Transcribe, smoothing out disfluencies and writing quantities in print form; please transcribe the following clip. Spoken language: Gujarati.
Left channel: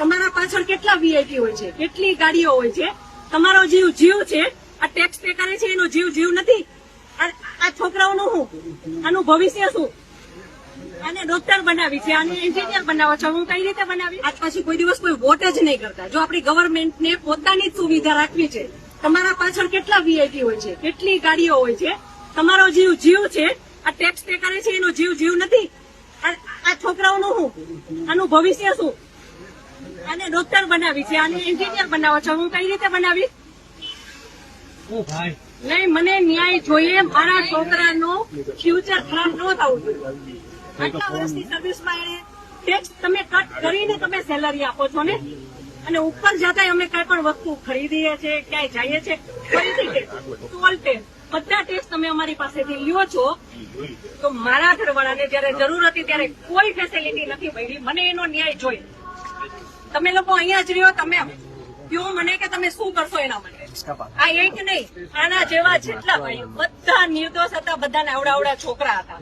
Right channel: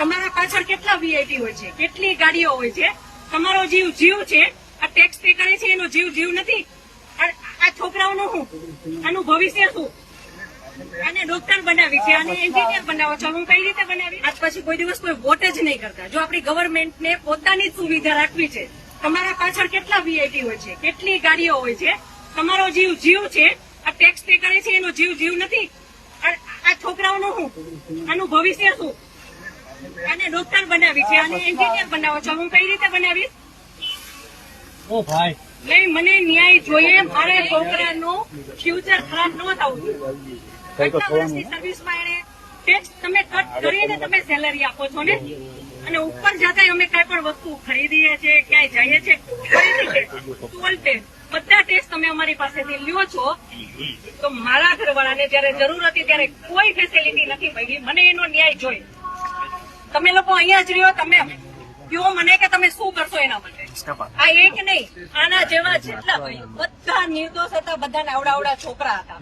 તમારા પાછળ કેટલા વીઆઈપી હોય છે, કેટલી ગાડીઓ હોય છે, તમારો જીવ જીવ છે. આ ટેક્સ પે કરે છે એનો જીવ જીવ નથી. આ છોકરાઓનું શું, આનું ભવિષ્ય શું? આને ડોક્ટર બનાવી છે, આને એન્જિનિયર બનાવો છો, હું કઈ રીતે બનાવી? આજ પછી કોઈ દિવસ કોઈ વોટ જ નહીં કરતા. જો આપણી ગવર્મેન્ટને પોતાની જ સુવિધા રાખવી છે. તમારા પાછળ કેટલા વીઆઈપી હોય છે, કેટલી ગાડીઓ હોય છે, તમારો જીવ જીવ છે. આ ટેક્સ પે કરે છે એનો જીવ જીવ નથી. આ છોકરાઓનું શું, આનું ભવિષ્ય શું? આને ડોક્ટર બનાવી છે, આને એન્જિનિયર બનાવો છો, હું કઈ રીતે બનાવીશ? નહીં, મને ન્યાય જોઈએ. મારા છોકરાનું ફ્યુચર ખરાબ ન થવું જોઈએ. આટલા વર્ષની સર્વિસમાં એને ટેક્સ તમે કટ કરીને તમે સેલરી આપો છો ને, અને ઉપર જતા અમે કઈ પણ વસ્તુ ખરીદીએ છીએ, ક્યાંય જઈએ છીએ, ટોલ ટેક્સ બધા ટેક્સ તમે અમારી પાસેથી લ્યો છો. તો મારા ઘરવાળાને જયારે જરૂર હતી ત્યારે કોઈ ફેસિલિટી નથી મળી. મને એનો ન્યાય જોઈએ. તમે લોકો અહીંયા જ રહ્યો, તમે કહો મને કે તમે શું કરશો એના માટે. આ એક નહીં, આના જેવા જેટલા ભાઈ બધા નિર્દોષ હતા, બધાને આવડા છોકરા હતા.